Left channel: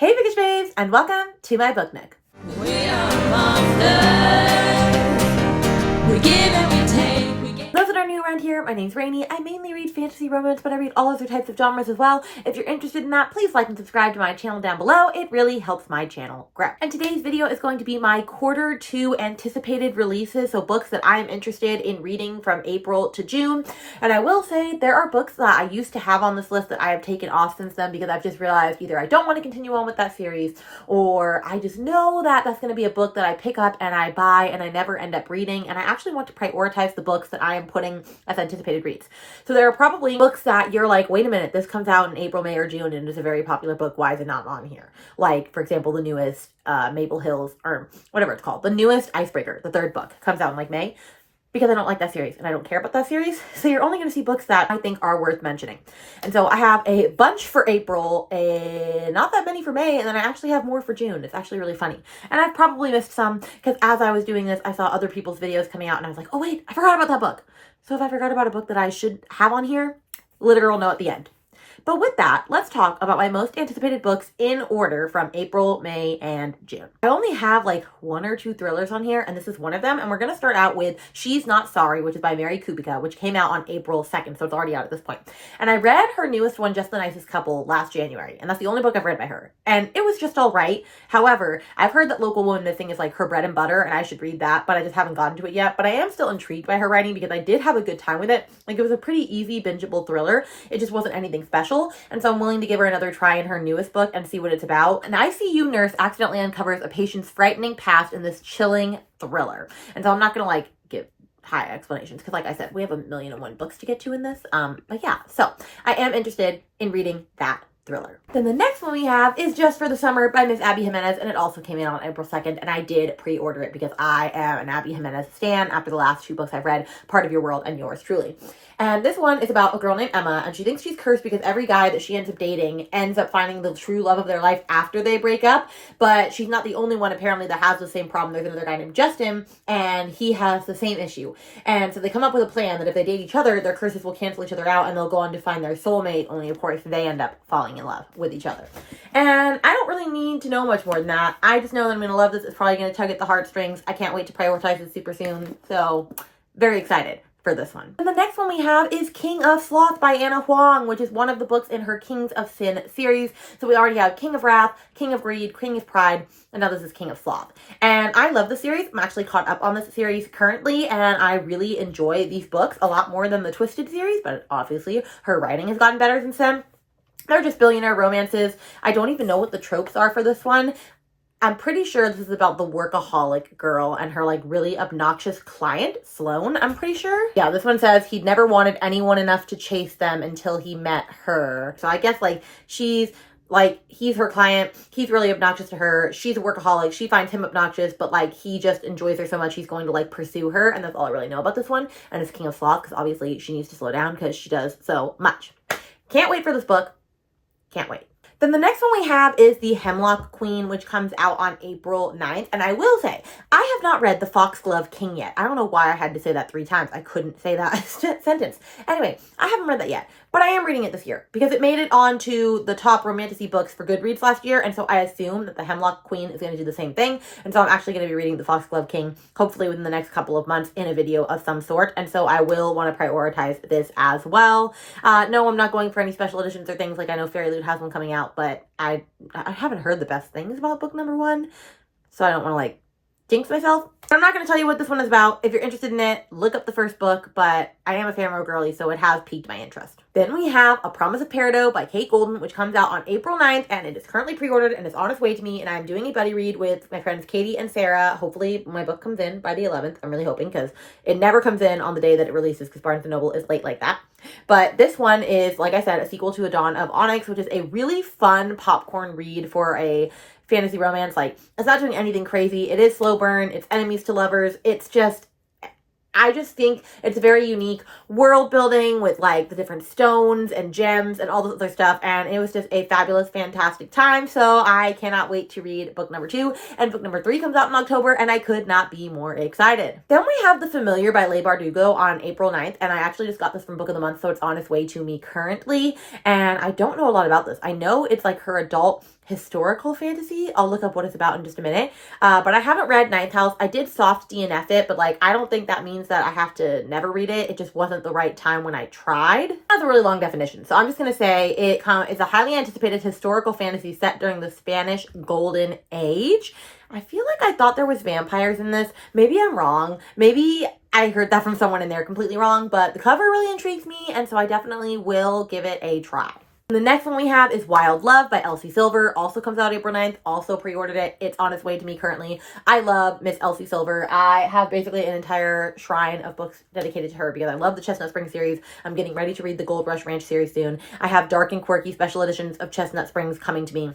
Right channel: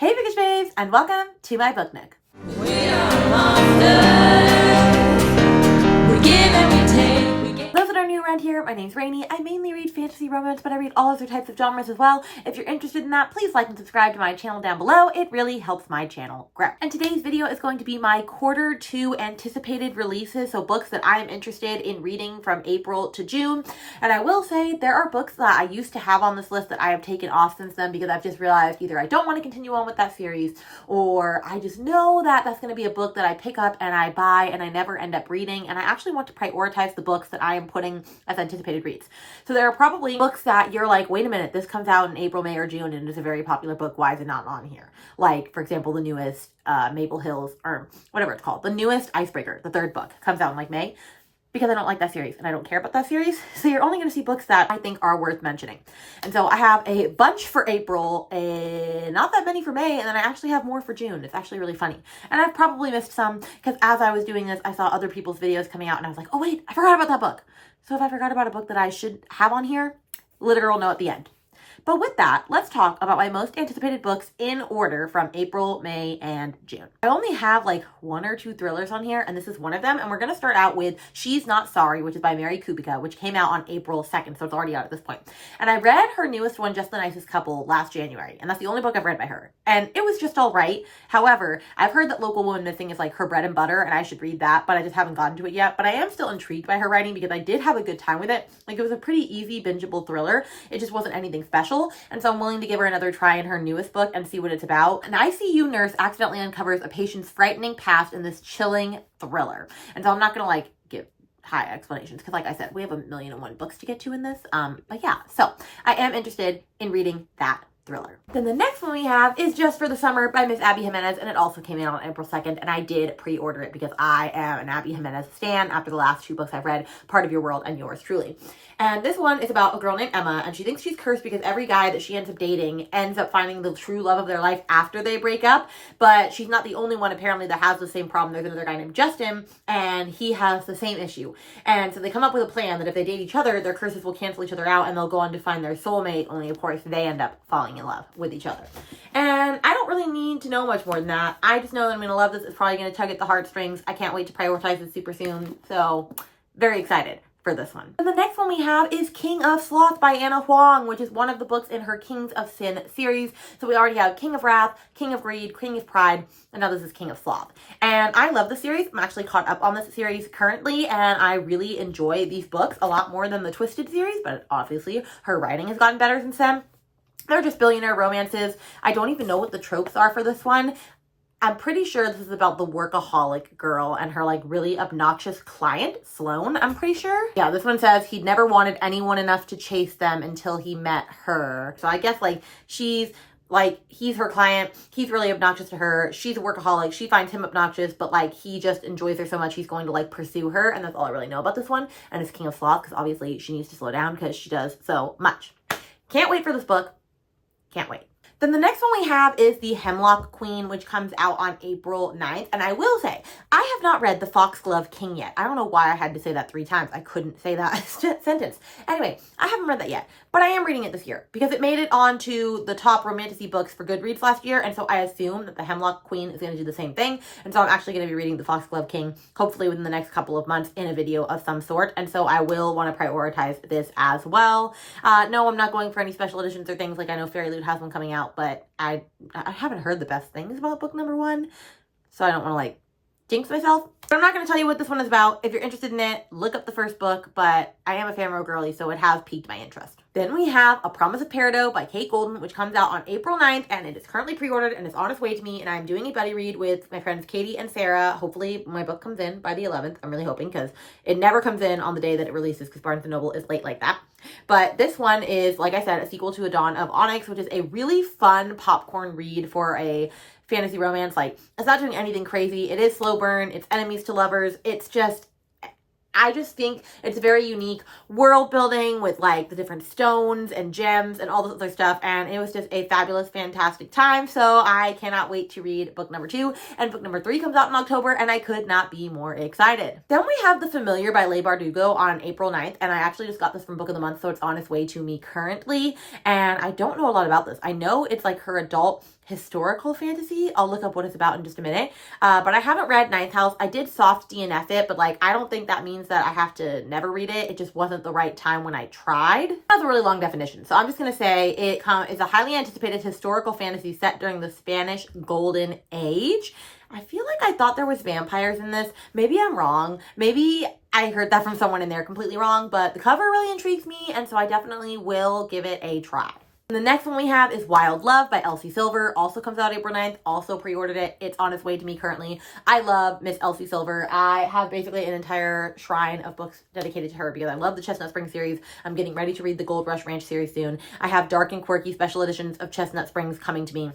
Hey Bookish Babes, and welcome to my book nook. We are monsters. We give and we take. Those that are new around here, my name's Rainy. I mainly read fantasy romance, but I read all other types of genres as well. If you're interested in that, please like and subscribe to my channel down below. It really helps my channel grow. And today's video is going to be my quarter two anticipated releases, so books that I am interested in reading from April to June. And I will say there are books that I used to have on this list that I have taken off since then because I've just realized either I don't want to continue on with that series, or I just know that that's going to be a book that I pick up and I buy and I never end up reading. And I actually want to prioritize the books that I am putting as anticipated reads. So there are probably books that you're like, wait a minute, this comes out in April, May, or June and it's a very popular book. Why is it not on here? Like, for example, the newest Maple Hills, or whatever it's called, the newest Icebreaker, the third book, comes out in like May, because I don't like that series and I don't care about that series. So you're only going to see books that I think are worth mentioning. And so I have a bunch for April, not that many for May, and then I actually have more for June. It's actually really funny. And I've probably missed some because as I was doing this, I saw other people's videos coming out and I was like, oh wait, I forgot about that book. So if I forgot about a book that I should have on here, literal note at the end. But with that, let's talk about my most anticipated books in order from April, May, and June. I only have like one or two thrillers on here, and this is one of them. And we're going to start out with She's Not Sorry, which is by Mary Kubica, which came out on April 2nd, so it's already out at this point. And I read her newest one, Just the Nicest Couple, last January, and that's the only book I've read by her. And it was just all right. However, I've heard that Local Woman Missing is like her bread and butter, and I should read that, but I just haven't gotten to it yet. But I am still intrigued by her writing because I did have a good time with it. Like, it was a pretty easy, bingeable thriller. It just wasn't anything special. And so I'm willing to give her another try in her newest book and see what it's about. An ICU nurse accidentally uncovers a patient's frightening past in this chilling thriller. And so I'm not going to like give high explanations because like I said, we have 1,000,001 books to get to in this. But yeah, so I am interested in reading that thriller. Then the next one we have is Just for the Summer by Miss Abby Jimenez, and it also came out on April 2nd, and I did pre-order it because I am an Abby Jimenez stan after the last two books I've read, Part of Your World and Yours Truly. And this one is about a girl named Emma, and she thinks she's cursed because every guy that she ends up dating ends up finding the true love of their life after they break up, but she's not the only one apparently that has the same problem. There's another guy named Justin, and he has the same issue. And so they come up with a plan that if they date each other, their curses will cancel each other out, and they'll go on to find their soulmate, only of course they end up falling in love with each other. And I don't really need to know much more than that. I just know that I'm going to love this. It's probably going to tug at the heartstrings. I can't wait to prioritize this super soon, so very excited for this one. And the next one we have is King of Sloth by Anna Huang, which is one of the books in her Kings of Sin series. So we already have King of Wrath, King of Greed, King of Pride, and now this is King of Sloth. And I love the series. I'm actually caught up on this series currently, and I really enjoy these books a lot more than the Twisted series, but obviously her writing has gotten better since then. They're just billionaire romances. I don't even know what the tropes are for this one. I'm pretty sure this is about the workaholic girl and her like really obnoxious client, Sloan, I'm pretty sure. Yeah, this one says he'd never wanted anyone enough to chase them until he met her. So I guess like he's her client, he's really obnoxious to her, she's a workaholic, she finds him obnoxious, but like he just enjoys her so much he's going to like pursue her, and that's all I really know about this one. And it's King of Sloth because obviously she needs to slow down because she does so much. Can't wait for this book. Can't wait. Then the next one we have is the Hemlock Queen, which comes out on April 9th. And I will say, I have not read The Foxglove King yet. I don't know why I had to say that 3 times. I couldn't say that sentence. Anyway, I haven't read that yet, but I am reading it this year because it made it onto the top romantasy books for Goodreads last year. And so I assume that the Hemlock Queen is going to do the same thing. And so I'm actually going to be reading The Foxglove King, hopefully within the next couple of months in a video of some sort. And so I will want to prioritize this as well. No, I'm not going for any special editions or things. Like I know Fairy Loot has one coming out, but I haven't heard the best things about book number 1, so I don't want to like jinx myself. But I'm not going to tell you what this one is about. If you're interested in it, look up the first book, but I am a Famro girly, so it has piqued my interest. Then we have A Promise of Peridot by Kate Golden, which comes out on April 9th, and it is currently pre-ordered and is on its way to me, and I'm doing a buddy read with my friends Katie and Sarah. Hopefully my book comes in by the 11th. I'm really hoping because it never comes in on the day that it releases because Barnes & Noble is late like that. But this one is, like I said, a sequel to A Dawn of Onyx, which is a really fun popcorn read for a fantasy romance. Like, it's not doing anything crazy. It is slow burn. It's enemies to lovers. It's just, I just think it's very unique world building with like the different stones and gems and all this other stuff. And it was just a fabulous, fantastic time. So I cannot wait to read book number 2. And book number 3 comes out in October, and I could not be more excited. Then we have The Familiar by Leigh Bardugo on April 9th. And I actually just got this from Book of the Month, so it's on its way to me currently. And I don't know a lot about this. I know it's like her adult historical fantasy. I'll look up what it's about in just a minute. But I haven't read Ninth House. I did soft DNF it, but like, I don't think that means that I have to never read it. It just wasn't the right time when I tried. That's a really long definition. So I'm just going to say it is a highly anticipated historical fantasy set during the Spanish Golden Age. I feel like I thought there was vampires in this. Maybe I'm wrong. Maybe I heard that from someone and they're completely wrong, but the cover really intrigues me, and so I definitely will give it a try. The next one we have is Wild Love by Elsie Silver. Also comes out April 9th. Also pre-ordered it. It's on its way to me currently. I love Miss Elsie Silver. I have basically an entire shrine of books dedicated to her because I love the Chestnut Springs series. I'm getting ready to read the Gold Rush Ranch series soon. I have dark and quirky special editions of Chestnut Springs coming to me.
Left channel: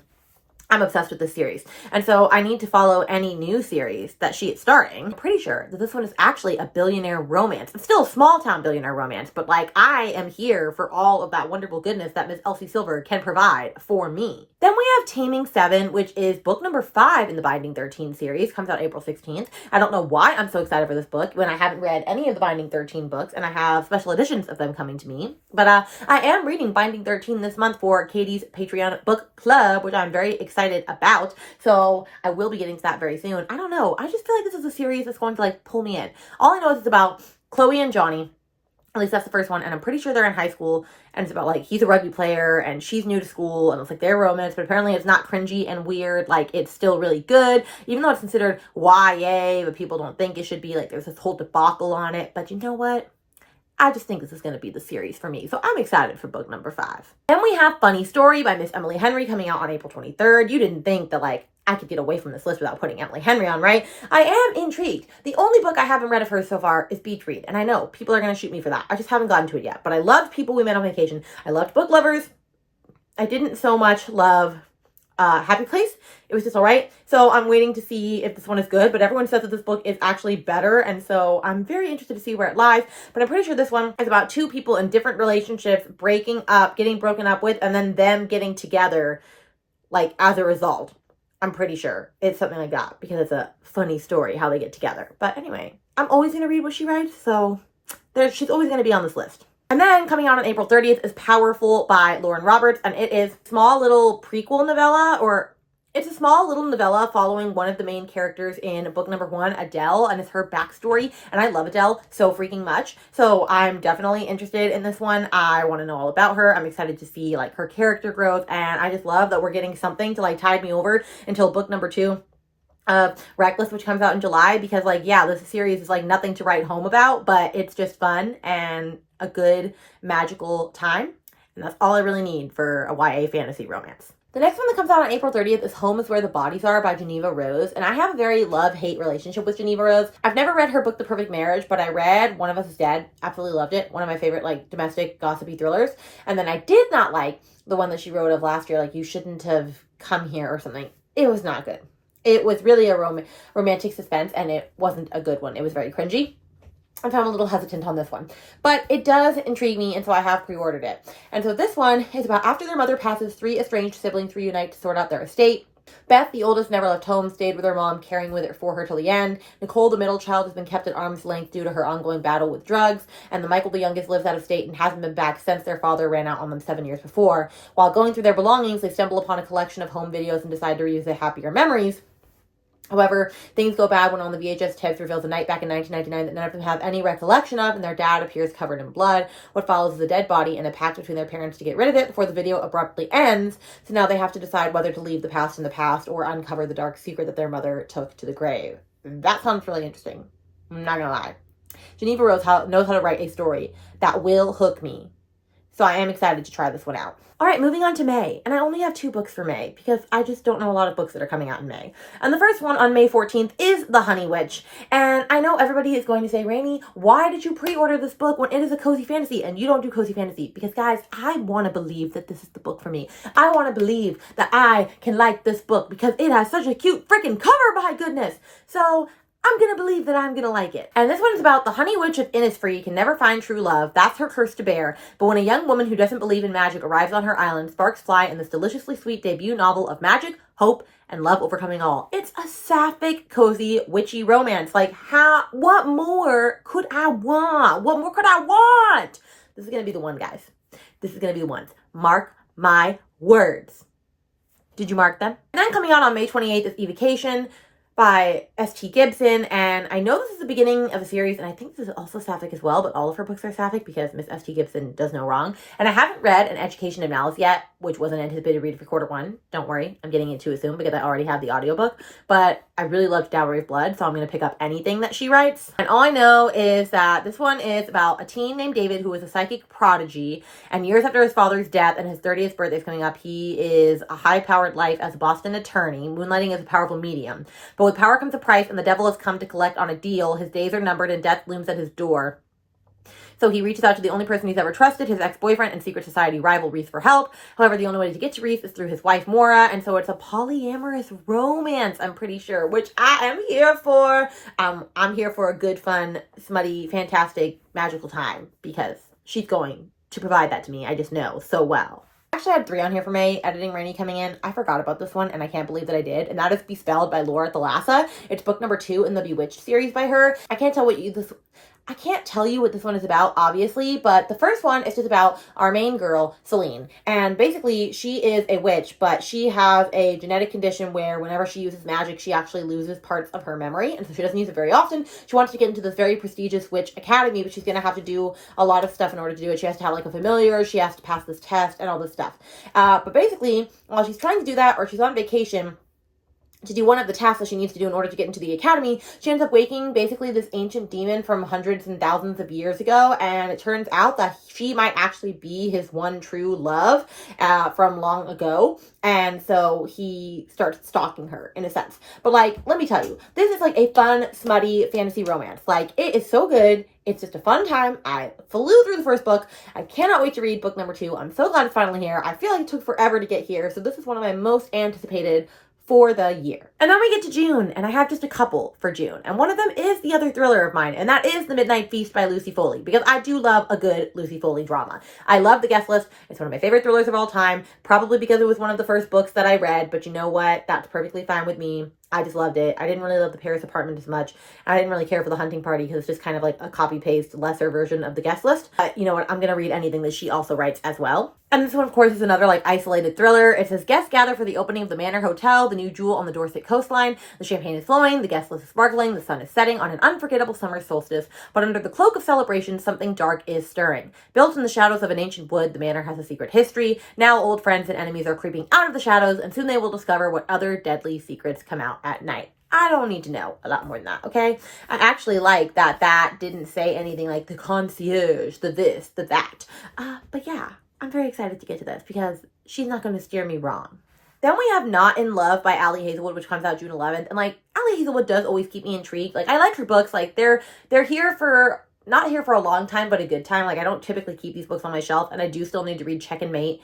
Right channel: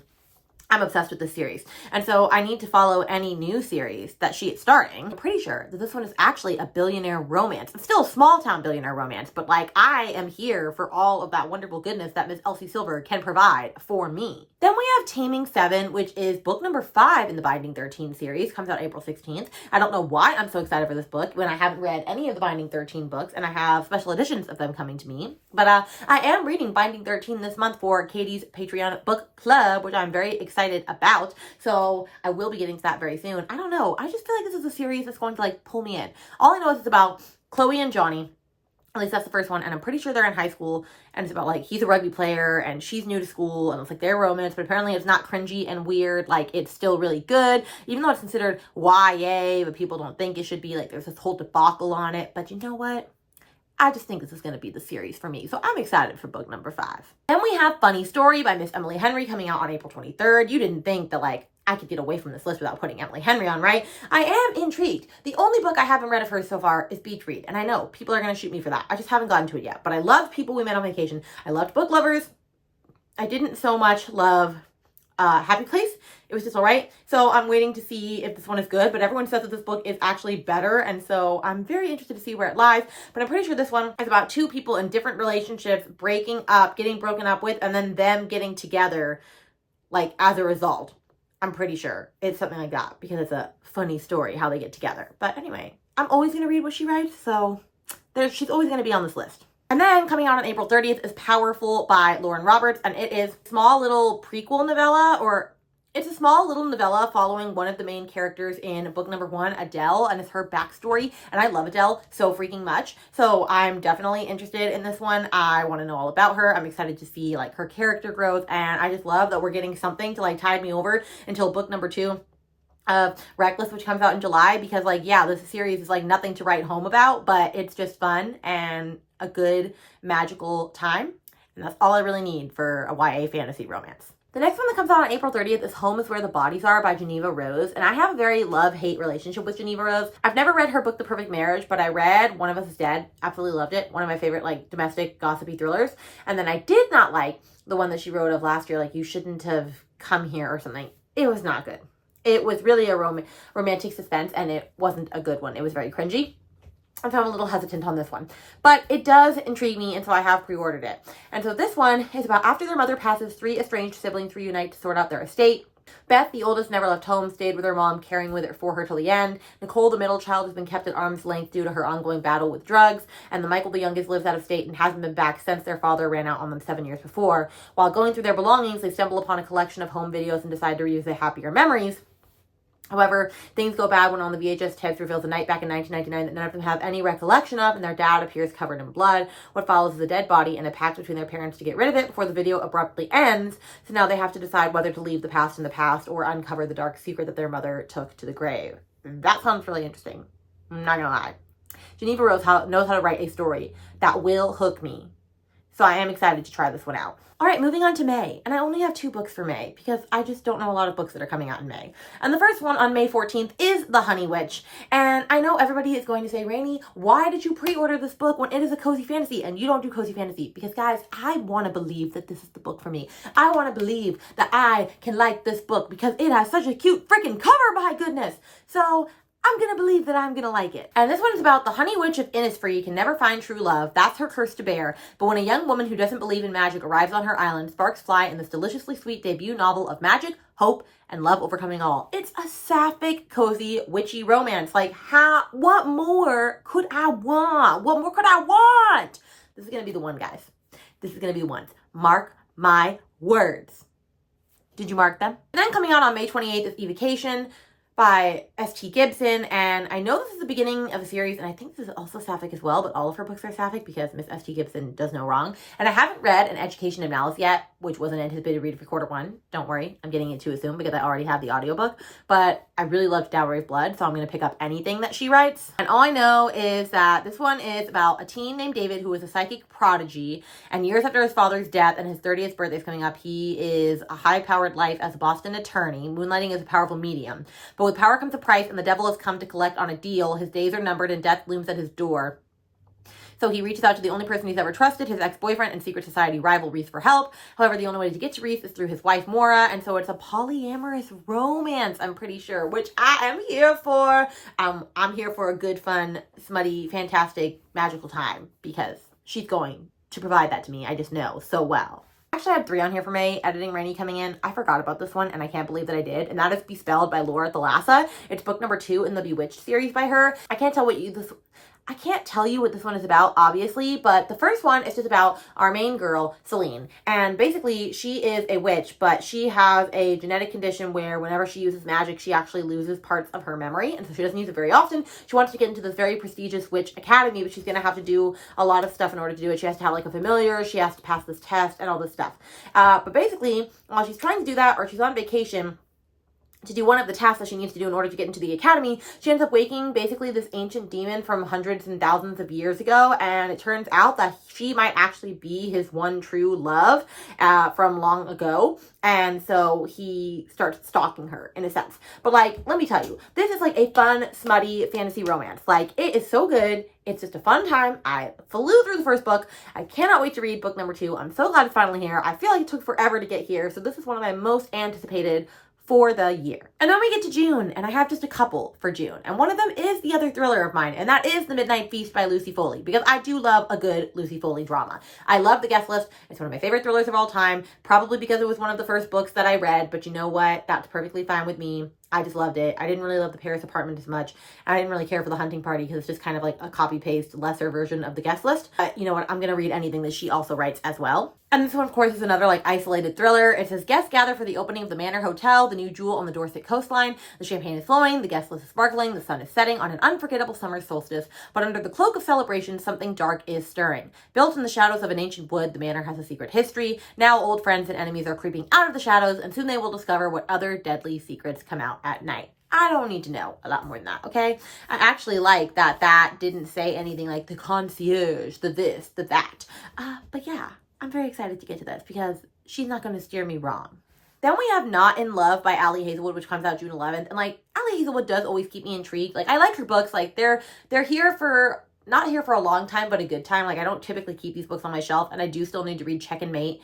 I'm obsessed with this series. And so I need to follow any new series that she is starting. I'm pretty sure that this one is actually a billionaire romance. It's still a small town billionaire romance, but like, I am here for all of that wonderful goodness that Miss Elsie Silver can provide for me. Then we have Taming 7, which is book number 5 in the Binding 13 series. Comes out April 16th. I don't know why I'm so excited for this book when I haven't read any of the Binding 13 books and I have special editions of them coming to me. But I am reading Binding 13 this month for Katie's Patreon book club, which I'm very excited about. So I will be getting to that very soon. I don't know. I just feel like this is a series that's going to like pull me in. All I know is it's about Chloe and Johnny. At least that's the first one. And I'm pretty sure they're in high school. And it's about like, he's a rugby player and she's new to school. And it's like their romance. But apparently it's not cringy and weird. Like, it's still really good. Even though it's considered YA, but people don't think it should be. Like, there's this whole debacle on it. But you know what? I just think this is going to be the series for me. So I'm excited for book number 5. Then we have Funny Story by Miss Emily Henry coming out on April 23rd. You didn't think that like I could get away from this list without putting Emily Henry on, right? I am intrigued. The only book I haven't read of hers so far is Beach Read. And I know people are going to shoot me for that. I just haven't gotten to it yet. But I loved People We Met on Vacation. I loved Book Lovers. I didn't so much love Happy Place. It was just all right. So I'm waiting to see if this one is good, but everyone says that this book is actually better. And so I'm very interested to see where it lies, but I'm pretty sure this one is about 2 people in different relationships breaking up, getting broken up with, and then them getting together like as a result. I'm pretty sure it's something like that because it's a funny story how they get together. But anyway, I'm always going to read what she writes. So she's always going to be on this list. And then coming out on April 30th is Powerful by Lauren Roberts. And it is a small little prequel novella, or it's a small little novella following one of the main characters in book number 1, Adele, and it's her backstory. And I love Adele so freaking much. So I'm definitely interested in this one. I want to know all about her. I'm excited to see like her character growth. And I just love that we're getting something to like tide me over until book number 2 of Reckless, which comes out in July, because like, yeah, this series is like nothing to write home about, but it's just fun and a good magical time. And that's all I really need for a YA fantasy romance. The next one that comes out on April 30th is Home is Where the Bodies Are by Geneva Rose. And I have a very love-hate relationship with Geneva Rose. I've never read her book, The Perfect Marriage, but I read One of Us is Dead. Absolutely loved it. One of my favorite like domestic gossipy thrillers. And then I did not like the one that she wrote of last year, like You Shouldn't Have Come Here or something. It was not good. It was really a romantic suspense, and it wasn't a good one. It was very cringy. And so I'm a little hesitant on this one. But it does intrigue me, and so I have pre-ordered it. And so this one is about after their mother passes, 3 estranged siblings reunite to sort out their estate. Beth, the oldest, never left home, stayed with her mom, caring with it for her till the end. Nicole, the middle child, has been kept at arm's length due to her ongoing battle with drugs. And the Michael, the youngest, lives out of state and hasn't been back since their father ran out on them 7 years before. While going through their belongings, they stumble upon a collection of home videos and decide to reuse their happier memories. However, things go bad when on the VHS tapes reveals a night back in 1999 that none of them have any recollection of, and their dad appears covered in blood. What follows is a dead body and a pact between their parents to get rid of it before the video abruptly ends. So now they have to decide whether to leave the past in the past or uncover the dark secret that their mother took to the grave. That sounds really interesting. I'm not gonna lie. Geneva Rose knows how to write a story that will hook me. So I am excited to try this one out. All right, moving on to May. And I only have 2 books for May because I just don't know a lot of books that are coming out in May. And the first one on May 14th is The Honey Witch. And I know everybody is going to say, Rainy, why did you pre-order this book when it is a cozy fantasy and you don't do cozy fantasy? Because guys, I want to believe that this is the book for me. I want to believe that I can like this book because it has such a cute freaking cover, my goodness. So I'm going to believe that I'm going to like it. And this one is about the Honey Witch of Innisfree can never find true love. That's her curse to bear. But when a young woman who doesn't believe in magic arrives on her island, sparks fly in this deliciously sweet debut novel of magic, hope, and love overcoming all. It's a sapphic, cozy, witchy romance. Like, what more could I want? What more could I want? This is going to be the one, guys. This is going to be the one. Mark my words. Did you mark them? And then coming out on May 28th is Evocation by S.T. Gibson, and I know this is the beginning of a series, and I think this is also sapphic as well, but all of her books are sapphic because Miss S.T. Gibson does no wrong. And I haven't read An Education of Malice yet, which was an anticipated read for quarter one. Don't worry, I'm getting it too soon because I already have the audiobook, but I really loved Dowry of Blood, so I'm going to pick up anything that she writes. And all I know is that this one is about a teen named David who is a psychic prodigy, and years after his father's death and his 30th birthday is coming up, he is a high-powered life as a Boston attorney, moonlighting as a powerful medium. But with power comes a price, and the devil has come to collect on a deal. His days are numbered, and death looms at his door. So he reaches out to the only person he's ever trusted, his ex-boyfriend and secret society rival, Reese, for help. However, the only way to get to Reese is through his wife, Maura, and so it's a polyamorous romance, I'm pretty sure, which I am here for. I'm here for a good, fun, smutty, fantastic, magical time, because she's going to provide that to me. I just know so well. I actually had 3 on here for May, editing Rainy coming in. I forgot about this one, and I can't believe that I did, and that is Bespelled by Laura Thalassa. It's book number 2 in the Bewitched series by her. I can't tell you what this one is about, obviously, but the first one is just about our main girl, Celine. And basically, she is a witch, but she has a genetic condition where whenever she uses magic, she actually loses parts of her memory, and so she doesn't use it very often. She wants to get into this very prestigious witch academy, but she's going to have to do a lot of stuff in order to do it. She has to have, like, a familiar, she has to pass this test, and all this stuff. But basically, while she's trying to do that, or she's on vacation, to do one of the tasks that she needs to do in order to get into the academy, she ends up waking basically this ancient demon from hundreds and thousands of years ago, and it turns out that she might actually be his one true love from long ago, and so he starts stalking her, in a sense. But, like, let me tell you, this is, like, a fun, smutty fantasy romance. Like, it is so good. It's just a fun time. I flew through the first book. I cannot wait to read book number 2. I'm so glad it's finally here. I feel like it took forever to get here, so this is one of my most anticipated for the year. And then we get to June, and I have just a couple for June. And one of them is the other thriller of mine, and that is The Midnight Feast by Lucy Foley, because I do love a good Lucy Foley drama. I love The Guest List. It's one of my favorite thrillers of all time, probably because it was one of the first books that I read, but you know what? That's perfectly fine with me. I just loved it. I didn't really love the Paris apartment as much. I didn't really care for the hunting party because it's just kind of like a copy-paste, lesser version of The Guest List. But you know what? I'm going to read anything that she also writes as well. And this one, of course, is another like isolated thriller. It says, guests gather for the opening of the Manor Hotel, the new jewel on the Dorset coastline. The champagne is flowing, the guest list is sparkling, the sun is setting on an unforgettable summer solstice. But under the cloak of celebration, something dark is stirring. Built in the shadows of an ancient wood, the manor has a secret history. Now old friends and enemies are creeping out of the shadows, and soon they will discover what other deadly secrets come out at night. I don't need to know a lot more than that, okay? I actually like that didn't say anything like the concierge, the this, the that. But yeah, I'm very excited to get to this because she's not going to steer me wrong. Then we have Not in Love by Ali Hazelwood, which comes out June 11th. And like, Ali Hazelwood does always keep me intrigued. Like, I like her books. Like, they're here for, not here for a long time, but a good time. Like, I don't typically keep these books on my shelf, and I do still need to read Check and Mate.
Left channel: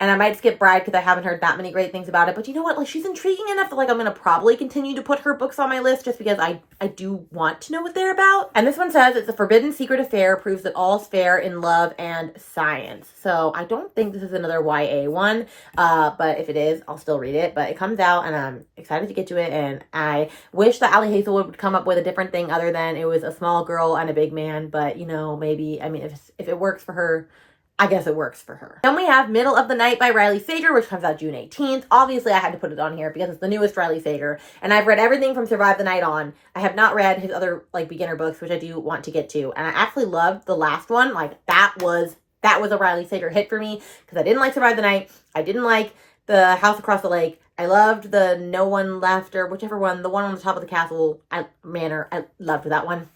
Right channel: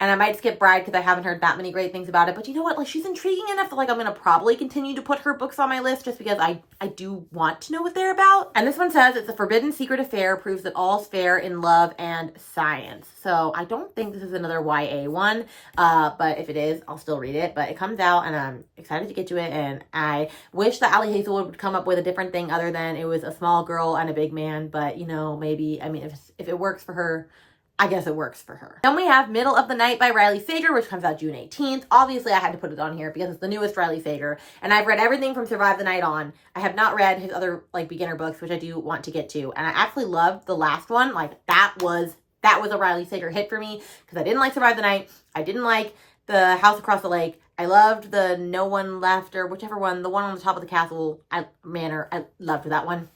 And I might skip Bride because I haven't heard that many great things about it. But you know what? Like, she's intriguing enough that, like, I'm going to probably continue to put her books on my list just because I do want to know what they're about. And this one says, it's a forbidden secret affair, proves that all's fair in love and science. So I don't think this is another YA one. But if it is, I'll still read it. But it comes out and I'm excited to get to it. And I wish that Ali Hazelwood would come up with a different thing other than it was a small girl and a big man. But, you know, maybe, I mean, if it works for her, I guess it works for her. Then we have Middle of the Night by Riley Sager, which comes out June 18th. Obviously, I had to put it on here because it's the newest Riley Sager. And I've read everything from Survive the Night on. I have not read his other, like, beginner books, which I do want to get to. And I actually loved the last one. Like, that was a Riley Sager hit for me because I didn't like Survive the Night. I didn't like The House Across the Lake. I loved the No One Left, or whichever one, the one on the top of the castle manor. I loved that one.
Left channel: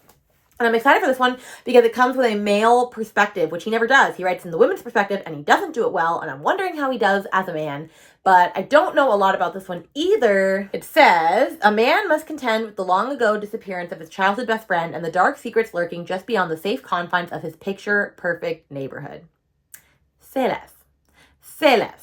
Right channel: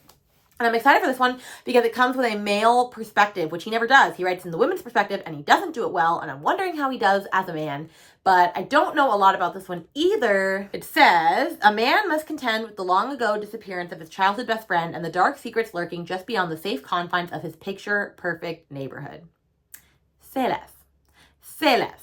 And I'm excited for this one because it comes with a male perspective, which he never does. He writes in the women's perspective and he doesn't do it well. And I'm wondering how he does as a man. But I don't know a lot about this one either. It says, a man must contend with the long ago disappearance of his childhood best friend and the dark secrets lurking just beyond the safe confines of his picture-perfect neighborhood. Say less. Say less.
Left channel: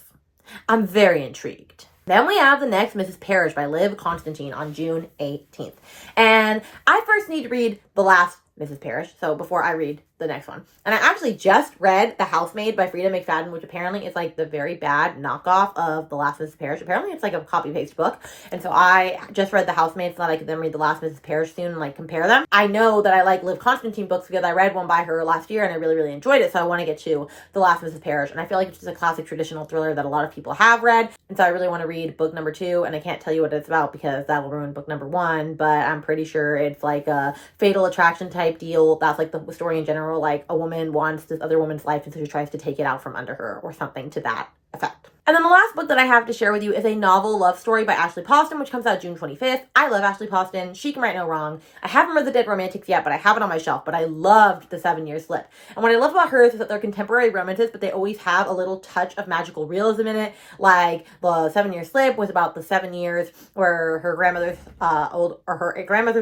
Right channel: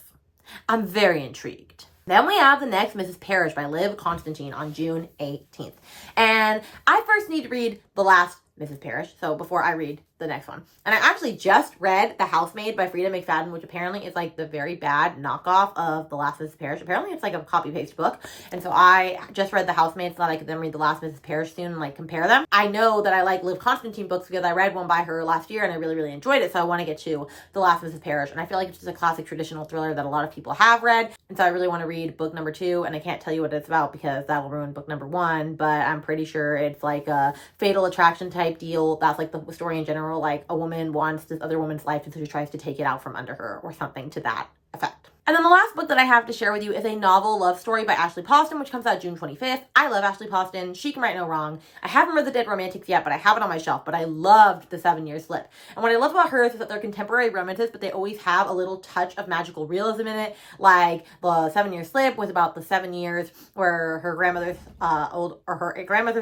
I'm very intrigued. Then we have the next Mrs. Parrish by Liv Constantine on June 18th. And I first need to read the last Mrs. Parrish. So before I read the next one. And I actually just read The Housemaid by Frida McFadden, which apparently is like the very bad knockoff of The Last Mrs. Parrish. Apparently it's like a copy-paste book. And so I just read The Housemaid so that I could then read The Last Mrs. Parrish soon and like compare them. I know that I like Liv Constantine books because I read one by her last year and I really, really enjoyed it. So I want to get to The Last Mrs. Parrish. And I feel like it's just a classic traditional thriller that a lot of people have read. And so I really want to read book number 2. And I can't tell you what it's about because that will ruin book number 1. But I'm pretty sure it's like a fatal attraction type deal. That's like the story in general. Like a woman wants this other woman's life and so she tries to take it out from under her or something to that effect. And then the last book that I have to share with you is a novel love story by Ashley Poston, which comes out June 25th. I love Ashley Poston. She can write no wrong. I haven't read The Dead Romantics yet, but I have it on my shelf. But I loved The 7-Year Slip. And what I love about hers is that they're contemporary romances, but they always have a little touch of magical realism in it. Like The 7-Year Slip was about the 7 years where her grandmother's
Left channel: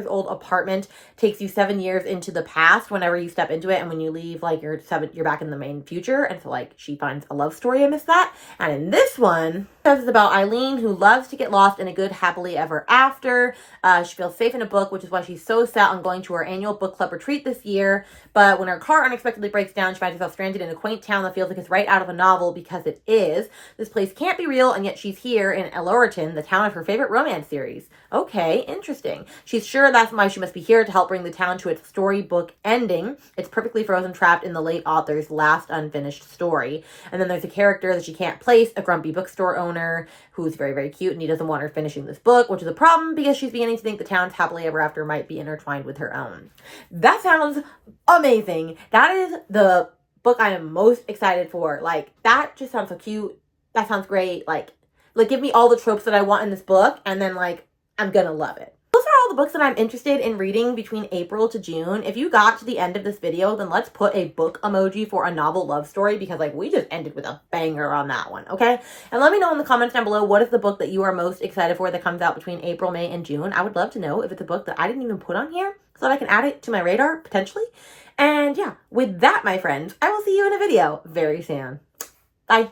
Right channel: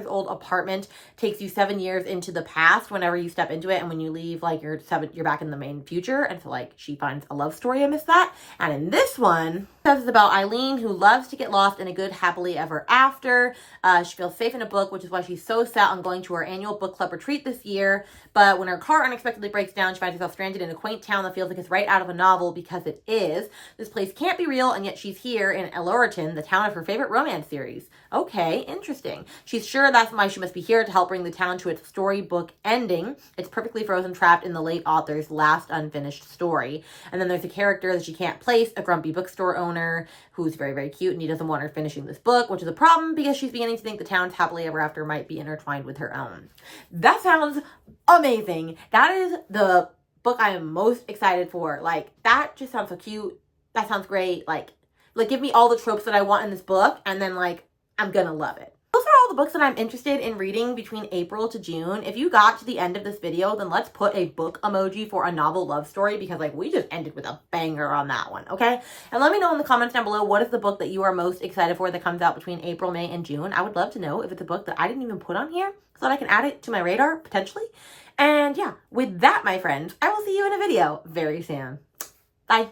old apartment takes you 7 years into the past whenever you step into it, and when you leave, like you're back in the main future. And so like she finds a love story amidst that. And in this one, it's about Eileen, who loves to get lost in a good happily ever after. She feels safe in a book, which is why she's so set on going to her annual book club retreat this year. But when her car unexpectedly breaks down, she finds herself stranded in a quaint town that feels like it's right out of a novel, because it is. This place can't be real, and yet she's here in Elorton, the town of her favorite romance series. Okay, interesting. She's sure that's why she must be here, to help bring the town to its storybook ending. It's perfectly frozen, trapped in the late author's last unfinished story. And then there's a character that she can't place, a grumpy bookstore owner who's very, very cute, and he doesn't want her finishing this book, which is a problem because she's beginning to think the town's happily ever after might be intertwined with her own. That sounds amazing. That is the book I am most excited for. Like, that just sounds so cute. That sounds great. Like give me all the tropes that I want in this book, and then like I'm gonna love it. Those are all the books that I'm interested in reading between April to June. If you got to the end of this video, then let's put a book emoji for a novel love story, because like we just ended with a banger on that one, okay? And let me know in the comments down below, what is the book that you are most excited for that comes out between April, May, and June? I would love to know if it's a book that I didn't even put on here so that I can add it to my radar potentially. And yeah, with that, my friends, I will see you in a video very soon. Bye.